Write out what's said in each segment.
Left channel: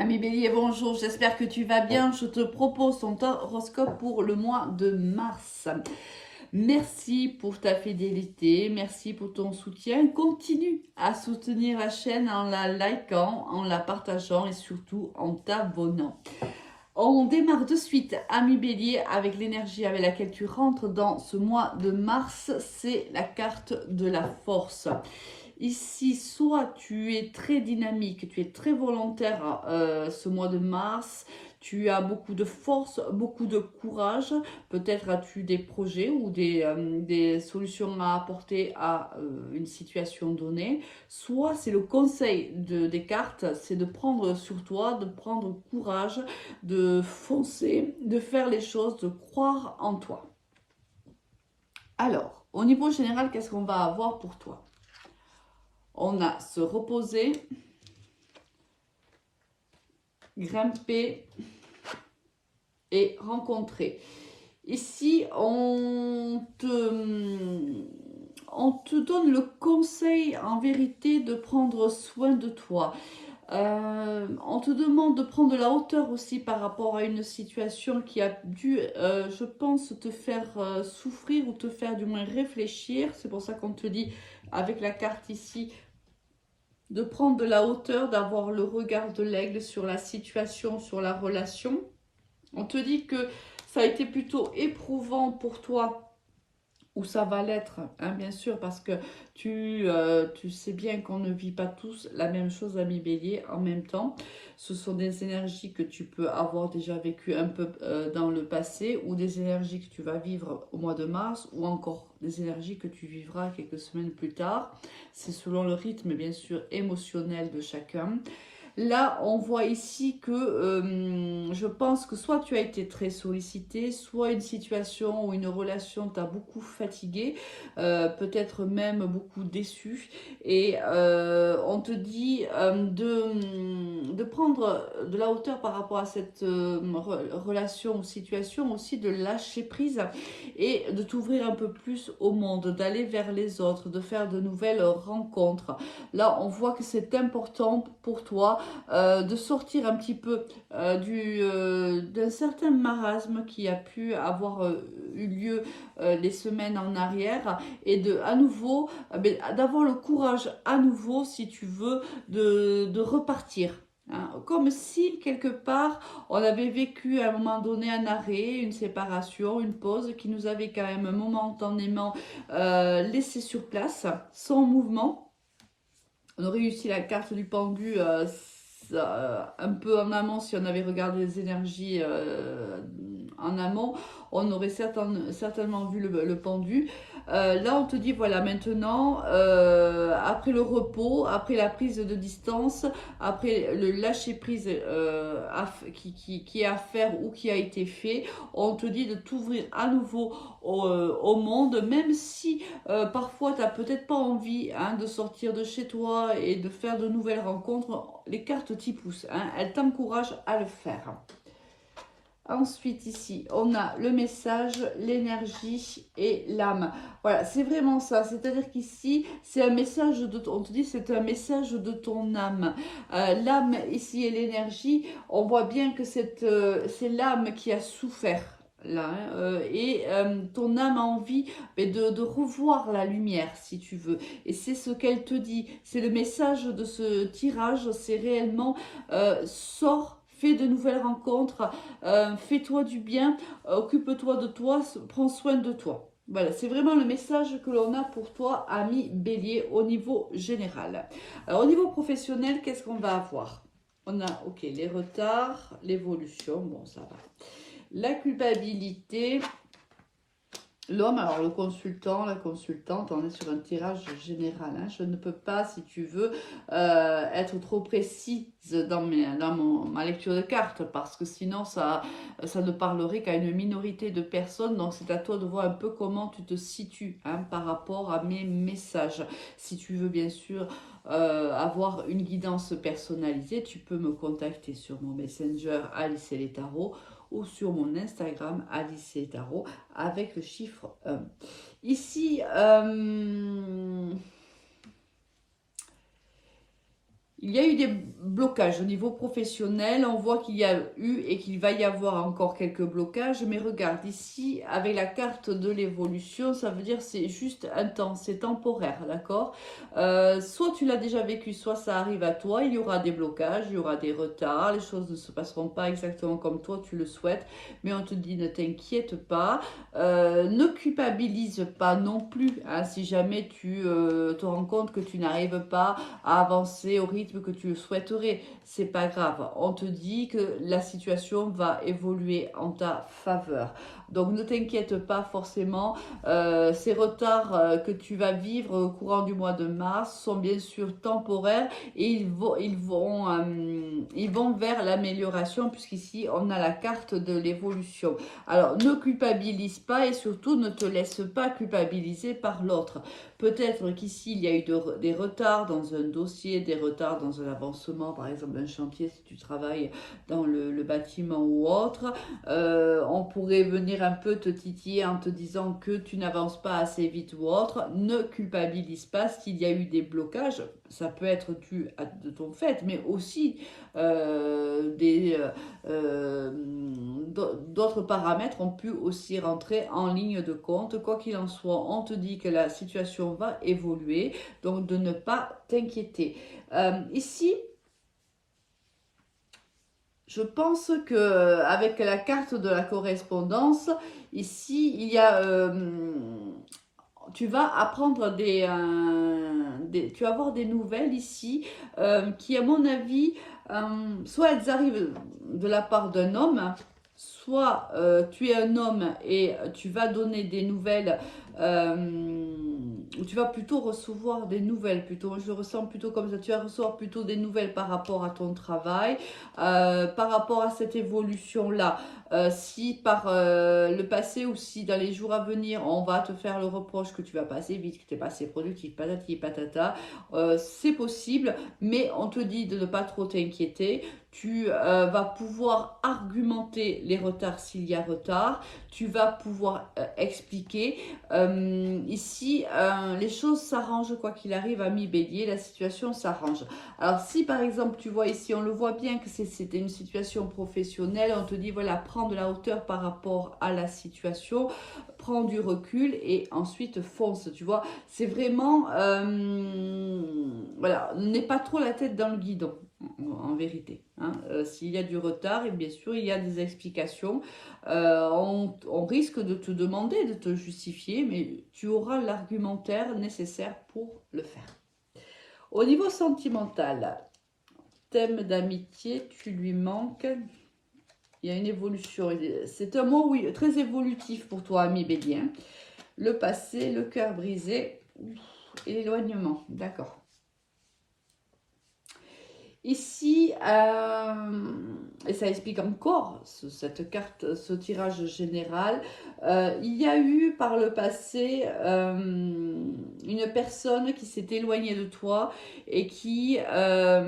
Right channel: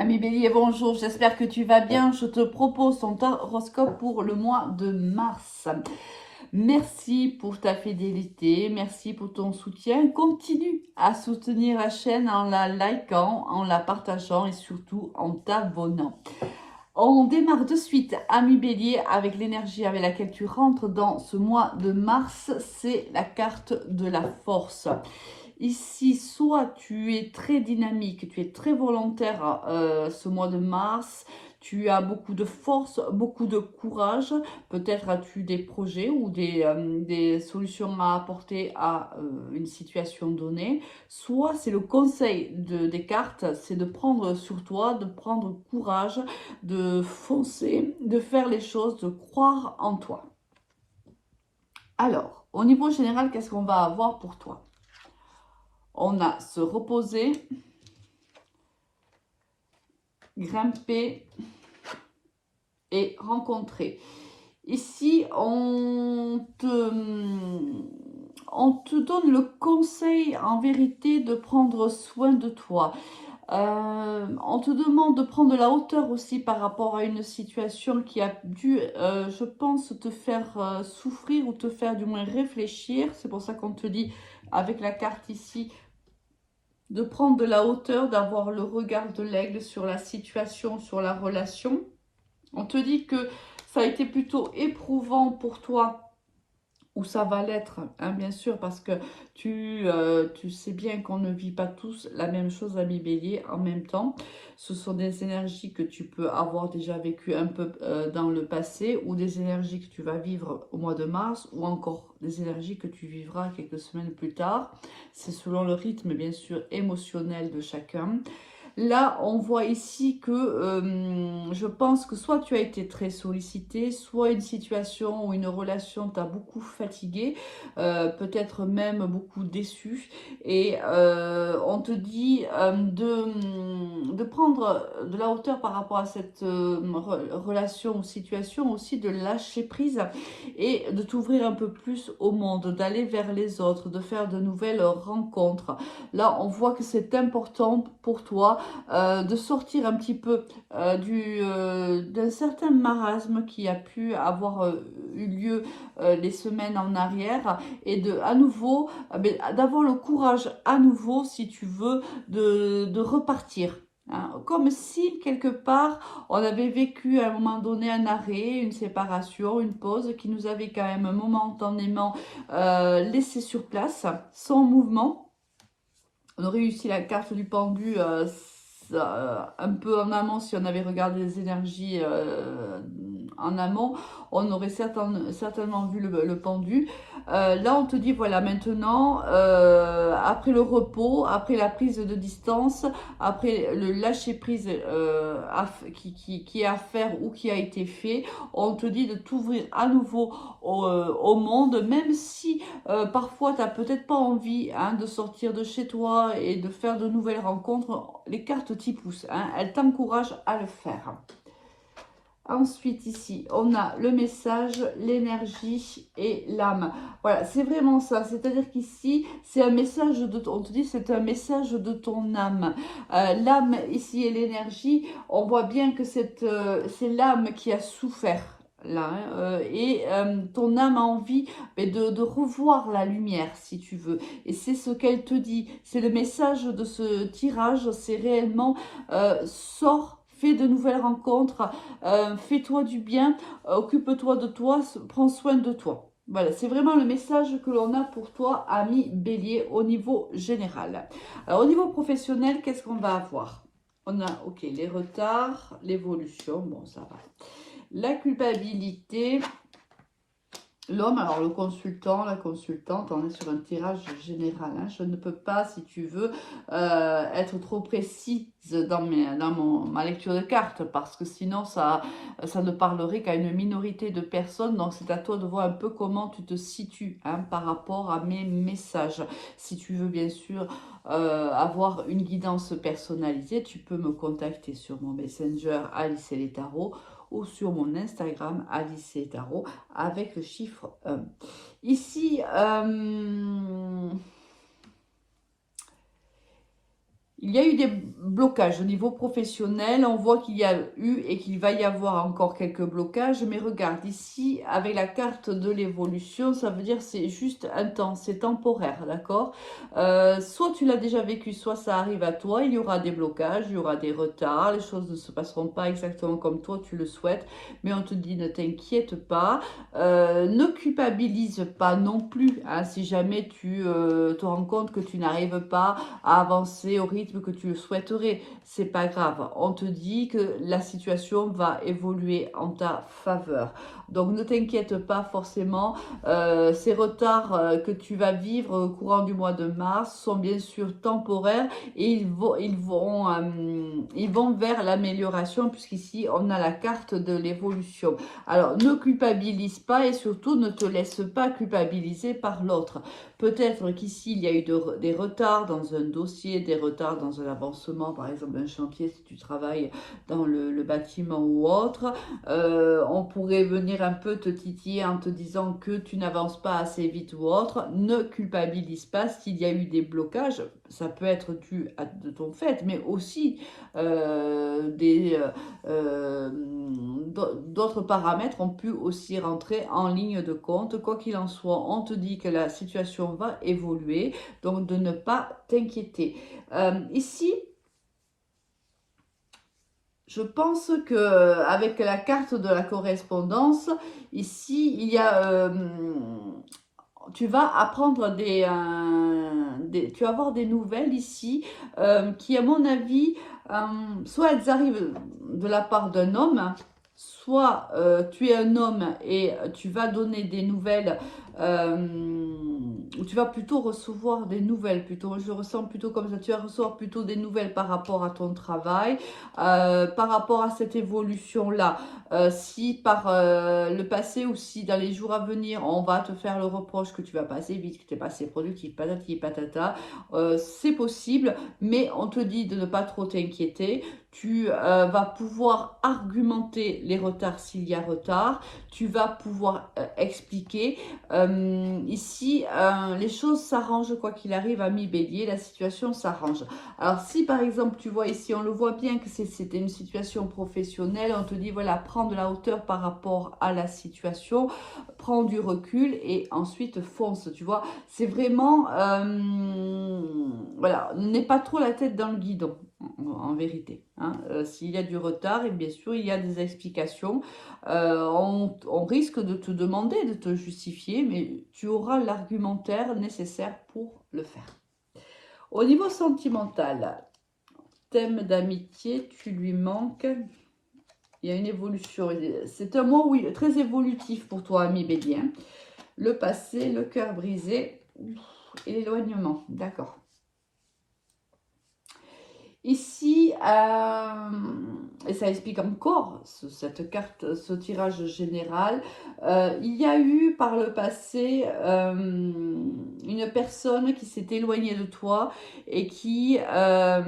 Ami Bélier, bonjour, j'espère que tu vas bien. Je te propose ton horoscope pour le mois de mars. Merci pour ta fidélité, merci pour ton soutien. Continue à soutenir la chaîne en la likant, en la partageant et surtout en t'abonnant. On démarre de suite, ami Bélier, avec l'énergie avec laquelle tu rentres dans ce mois de mars. C'est la carte de la force. Ici, soit tu es très dynamique, tu es très volontaire ce mois de mars, tu as beaucoup de force, beaucoup de courage, peut-être as-tu des projets ou des solutions à apporter à une situation donnée, soit c'est le conseil des cartes, c'est de prendre sur toi, de prendre courage, de foncer, de faire les choses, de croire en toi. Alors, au niveau général, qu'est-ce qu'on va avoir pour toi? On a se reposer, grimper et rencontrer. Ici, on te donne le conseil en vérité de prendre soin de toi. On te demande de prendre de la hauteur aussi par rapport à une situation qui a dû, je pense, te faire souffrir ou te faire du moins réfléchir. C'est pour ça qu'on te dit, avec la carte ici, de prendre de la hauteur, d'avoir le regard de l'aigle sur la situation, sur la relation. On te dit que ça a été plutôt éprouvant pour toi, ou ça va l'être, hein, bien sûr, parce que tu sais bien qu'on ne vit pas tous la même chose, ami Bélier, en même temps. Ce sont des énergies que tu peux avoir déjà vécues un peu dans le passé, ou des énergies que tu vas vivre au mois de mars, ou encore des énergies que tu vivras quelques semaines plus tard. C'est selon le rythme, bien sûr, émotionnel de chacun. Là, on voit ici que je pense que soit tu as été très sollicité, soit une situation ou une relation t'a beaucoup fatigué, peut-être même beaucoup déçu. Et on te dit de prendre de la hauteur par rapport à cette relation ou situation, aussi de lâcher prise et de t'ouvrir un peu plus au monde, d'aller vers les autres, de faire de nouvelles rencontres. Là, on voit que c'est important pour toi de sortir un petit peu d'un certain marasme qui a pu avoir eu lieu les semaines en arrière et de à nouveau d'avoir le courage à nouveau, si tu veux, de repartir. Hein. Comme si quelque part on avait vécu à un moment donné un arrêt, une séparation, une pause qui nous avait quand même momentanément laissé sur place, sans mouvement. On aurait réussi la carte du pendu un peu en amont si on avait regardé les énergies en amont. On aurait certainement vu le pendu. Là, on te dit, voilà, maintenant, après le repos, après la prise de distance, après le lâcher-prise qui est à faire ou qui a été fait, on te dit de t'ouvrir à nouveau au monde, même si parfois, tu n'as peut-être pas envie de sortir de chez toi et de faire de nouvelles rencontres. Les cartes t'y poussent, elles t'encouragent à le faire. Ensuite, ici, on a le message, l'énergie et l'âme. Voilà, c'est vraiment ça. C'est-à-dire qu'ici, c'est un message on te dit, c'est un message de ton âme. L'âme, ici, et l'énergie, on voit bien que c'est l'âme qui a souffert. Là, et ton âme a envie de revoir la lumière, si tu veux. Et c'est ce qu'elle te dit. C'est le message de ce tirage, c'est réellement sors, fais de nouvelles rencontres, fais-toi du bien, occupe-toi de toi, prends soin de toi. Voilà, c'est vraiment le message que l'on a pour toi, ami Bélier, au niveau général. Alors, au niveau professionnel, qu'est-ce qu'on va avoir? On a, ok, les retards, l'évolution, bon, ça va. La culpabilité, l'homme, alors le consultant, la consultante, on est sur un tirage général. Hein. Je ne peux pas, si tu veux, être trop précise dans ma lecture de cartes parce que sinon ça ne parlerait qu'à une minorité de personnes. Donc c'est à toi de voir un peu comment tu te situes par rapport à mes messages. Si tu veux bien sûr avoir une guidance personnalisée, tu peux me contacter sur mon Messenger Alice et les Tarots ou sur mon Instagram Alice et Tarot avec le chiffre 1. Ici, Il y a eu des blocages au niveau professionnel. On voit qu'il y a eu et qu'il va y avoir encore quelques blocages. Mais regarde ici, avec la carte de l'évolution, ça veut dire c'est juste un temps, c'est temporaire, d'accord? Soit tu l'as déjà vécu, soit ça arrive à toi. Il y aura des blocages, il y aura des retards. Les choses ne se passeront pas exactement comme toi tu le souhaites. Mais on te dit ne t'inquiète pas. Ne culpabilise pas non plus, hein, si jamais tu te rends compte que tu n'arrives pas à avancer au rythme que tu le souhaiterais. C'est pas grave. On te dit que la situation va évoluer en ta faveur. Donc ne t'inquiète pas forcément. Ces retards que tu vas vivre au courant du mois de mars sont bien sûr temporaires et ils vont vers l'amélioration puisqu'ici on a la carte de l'évolution. Alors ne culpabilise pas et surtout ne te laisse pas culpabiliser par l'autre. Peut-être qu'ici, il y a eu des retards dans un dossier, des retards dans un avancement, par exemple un chantier si tu travailles dans le bâtiment ou autre. On pourrait venir un peu te titiller en te disant que tu n'avances pas assez vite ou autre. Ne culpabilise pas s'il y a eu des blocages. Ça peut être dû à de ton fait, mais aussi d'autres paramètres ont pu aussi rentrer en ligne de compte. Quoi qu'il en soit, on te dit que la situation va évoluer, donc de ne pas t'inquiéter. Ici, je pense que avec la carte de la correspondance, ici, il y a tu vas apprendre tu vas avoir des nouvelles ici qui, à mon avis, soit elles arrivent de la part d'un homme, soit tu es un homme et tu vas donner des nouvelles, ou tu vas plutôt recevoir des nouvelles, plutôt, je ressens plutôt comme ça, tu vas recevoir plutôt des nouvelles par rapport à ton travail, par rapport à cette évolution-là. Si par le passé ou si dans les jours à venir, on va te faire le reproche que tu vas pas assez vite, que tu n'es pas assez productif, patati patata, c'est possible, mais on te dit de ne pas trop t'inquiéter. Tu vas pouvoir argumenter les retards s'il y a retard. Tu vas pouvoir expliquer. Ici, les choses s'arrangent quoi qu'il arrive, ami Bélier, la situation s'arrange. Alors si par exemple tu vois ici, on le voit bien que c'était une situation professionnelle, on te dit voilà, prends de la hauteur par rapport à la situation, prends du recul et ensuite fonce, tu vois. C'est vraiment, voilà, n'aie pas trop la tête dans le guidon, en vérité, hein. S'il y a du retard, et bien sûr il y a des explications, on risque de te demander de te justifier, mais tu auras l'argumentaire nécessaire pour le faire. Au niveau sentimental, thème d'amitié, tu lui manques. Il y a une évolution. C'est un mot, oui, très évolutif pour toi, ami Bélier. Le passé, le cœur brisé et l'éloignement. D'accord. Ici, et ça explique encore cette carte, ce tirage général, il y a eu par le passé une personne qui s'est éloignée de toi et qui t'a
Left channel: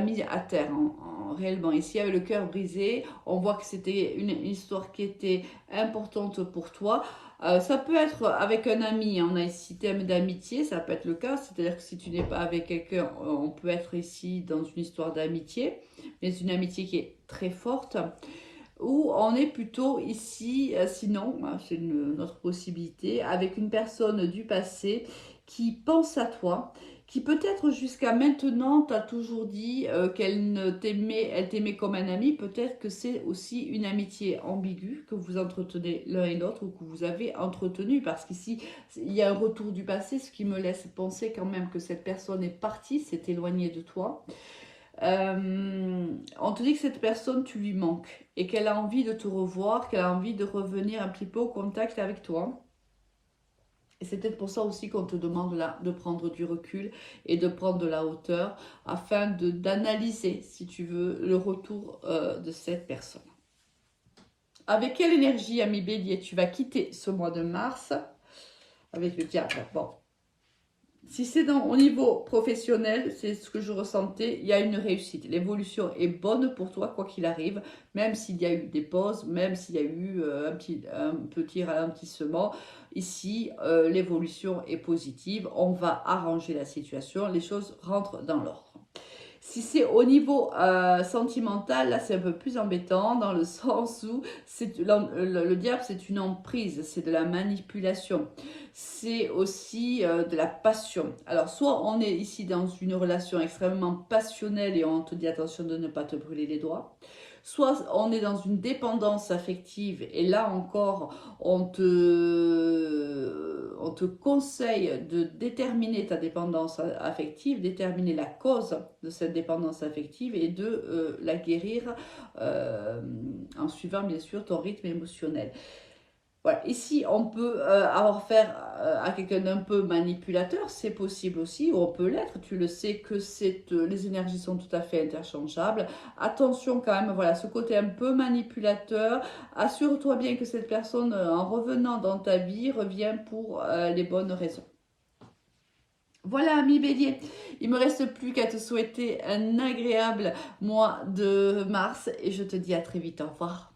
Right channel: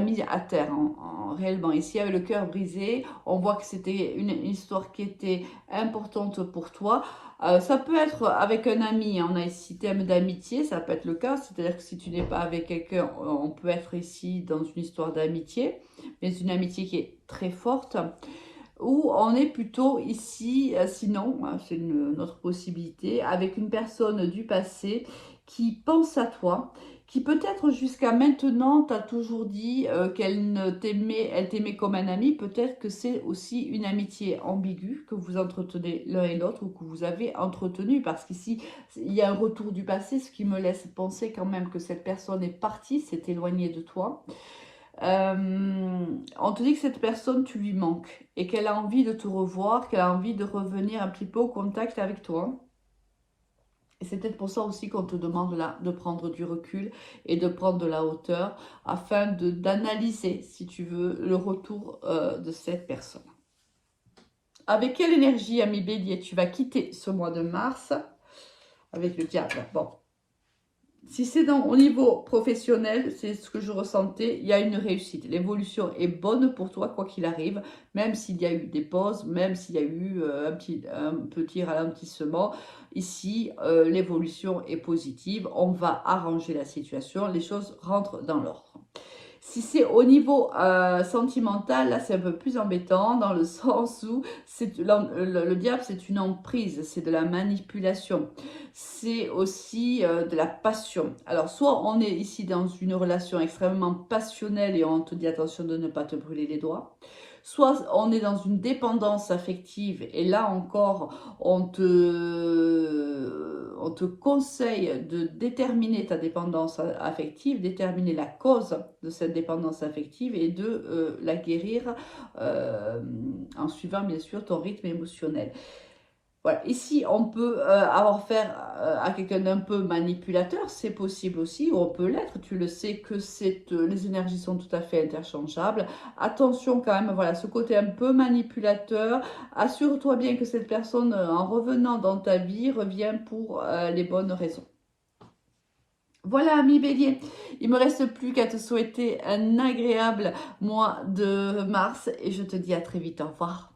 mis à terre réellement. Ici, avec le cœur brisé, on voit que c'était une histoire qui était importante pour toi. Ça peut être avec un ami, on a ici thème d'amitié, ça peut être le cas, c'est-à-dire que si tu n'es pas avec quelqu'un, on peut être ici dans une histoire d'amitié, mais c'est une amitié qui est très forte, ou on est plutôt ici, sinon, c'est une autre possibilité, avec une personne du passé qui pense à toi, qui peut-être jusqu'à maintenant t'a toujours dit qu'elle t'aimait, elle t'aimait comme un ami. Peut-être que c'est aussi une amitié ambiguë que vous entretenez l'un et l'autre ou que vous avez entretenu, parce qu'ici il y a un retour du passé, ce qui me laisse penser quand même que cette personne est partie, s'est éloignée de toi. On te dit que cette personne, tu lui manques et qu'elle a envie de te revoir, qu'elle a envie de revenir un petit peu au contact avec toi. Et c'est peut-être pour ça aussi qu'on te demande là de prendre du recul et de prendre de la hauteur afin d'analyser, si tu veux, le retour de cette personne. Avec quelle énergie, ami Bélier, tu vas quitter ce mois de mars avec le diable? Bon, Si c'est au niveau professionnel, c'est ce que je ressentais, il y a une réussite. L'évolution est bonne pour toi, quoi qu'il arrive, même s'il y a eu des pauses, même s'il y a eu un petit ralentissement. Ici, l'évolution est positive. On va arranger la situation, les choses rentrent dans l'ordre. Si c'est au niveau sentimental, là c'est un peu plus embêtant dans le sens où le diable c'est une emprise, c'est de la manipulation, c'est aussi de la passion. Alors soit on est ici dans une relation extrêmement passionnelle et on te dit attention de ne pas te brûler les doigts. Soit on est dans une dépendance affective et là encore on te conseille de déterminer ta dépendance affective, déterminer la cause de cette dépendance affective et de la guérir en suivant bien sûr ton rythme émotionnel. Voilà, ici on peut avoir affaire à quelqu'un d'un peu manipulateur, c'est possible aussi, ou on peut l'être, tu le sais que les énergies sont tout à fait interchangeables. Attention quand même, voilà, ce côté un peu manipulateur, assure-toi bien que cette personne en revenant dans ta vie revient pour les bonnes raisons. Voilà, ami Bélier, il me reste plus qu'à te souhaiter un agréable mois de mars et je te dis à très vite, au revoir.